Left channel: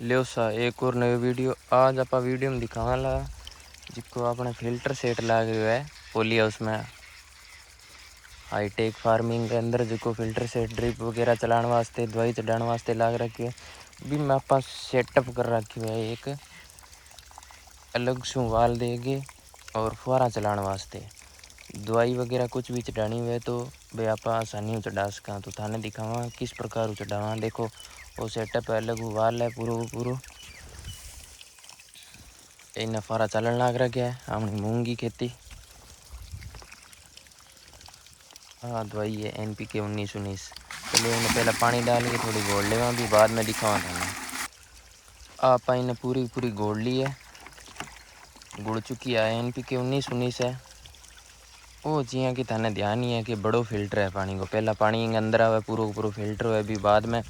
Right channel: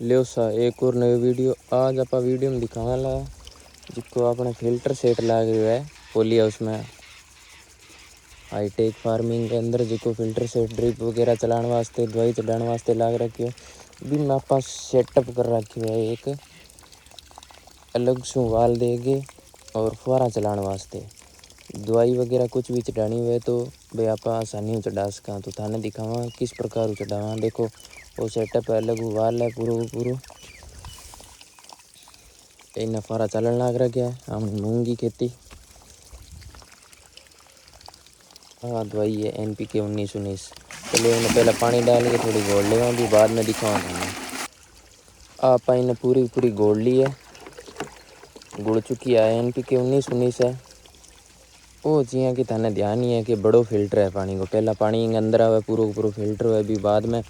लियो सा एक और नई वीडियो। आज आप वीडियो में दिखावाला जिसको आपने फिल्टर सेट लाग रहा है पोली हाउस में हाईटेक फार्मिंग के अंदर जो फिल्टर सेट ड्रिप वगैरह चलाने वास्ते दवाई चढ़ाने वास्ते लाग रखी है। भी मैं आप सेटअप कर रखी है एक अलग सू वाल देगे और फुहारा चलाने वास्ते दवाई वगैरह कुछ भी चढ़ानी हुए तो वे आप आसानी चढ़ा सका। तो थाने दिखावा किस प्रकार चढ़ावा। देखो वो सेटअप है अलग वाल है पूरा पूरा इन फुहारा चलन लाग रहा है। हमने मूंग की खेती हाँ दवाई है NPK 19-19। चलो इन्हें पहले पानी डाल के थोड़ी घोल लेवा भी बाद में दिखावा थाने। आप इन्हें पूरी पूरी घोल ली है गुड़ चुकी है NPK 19-19 है। वो जिया कि थाने ध्यान ही है कि बड़ो फिल्टर है पानी को पहला पानी अंदर आवे पूरा पूरा फिल्टर है भी बाद में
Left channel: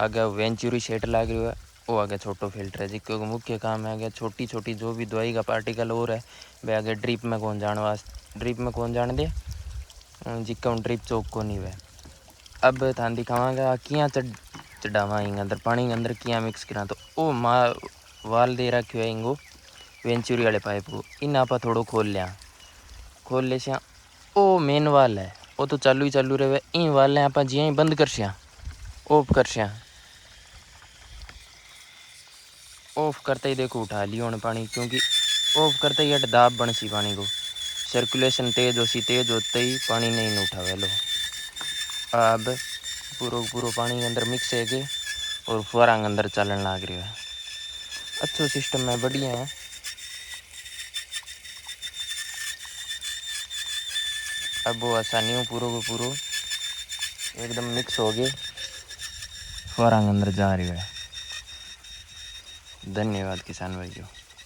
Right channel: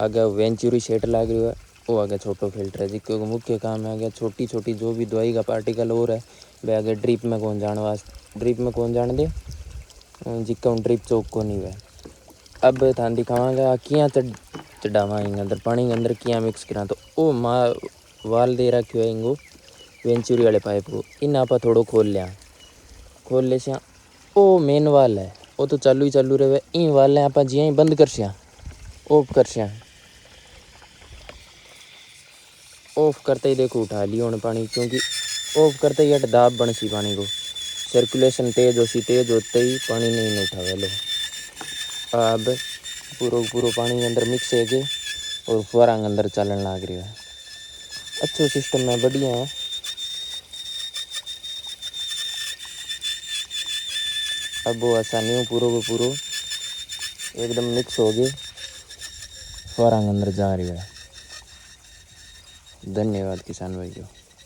आगे वेंचुरी सेट लाग रही है वो आगे छोटो फिल्टर है जिसको मुख्य काम है आगे छोटी छोटी जो भी दवाई का पार्टिकल और है वे आगे ड्रिप में कौन जाने वास्ते ड्रिप में कौन जाने दे जिक्का ड्रिप चौक को नहीं वे। अब थान दिखावांगा किया चढ़ावा इंग अंदर पानी के अंदर किया मिक्स करा तो ओ माँ वाल दे रखो है इंगो वेंचुरी वाले पाइप को इन आप थोड़ो खोल लिया खोल ले सिया ओ मेन वाल है वो तो चालू रहे इन वाल आप जिया ही बंद कर सिया ऑफ कर सिया ऑफ करते ही देखो उठा लियो उन्हें पानी क्योंकि ऑफ करते ही दाब बन सी पानी को सर्कुलेशन तेज हो सी तेज होते ही पानी नहीं उठावे लो। अब पूरो पूरो पानी के अंदर मिक्स है के और फुहारा अंदर चलन लग रही है। अच्छो सिस्टम है बढ़िया है। अब वो आसानी हो पूरो को पूरो एकदम मिक्स हो गए फुहारा अंदर जा रही है। धन्यवाद किसान भाइयों।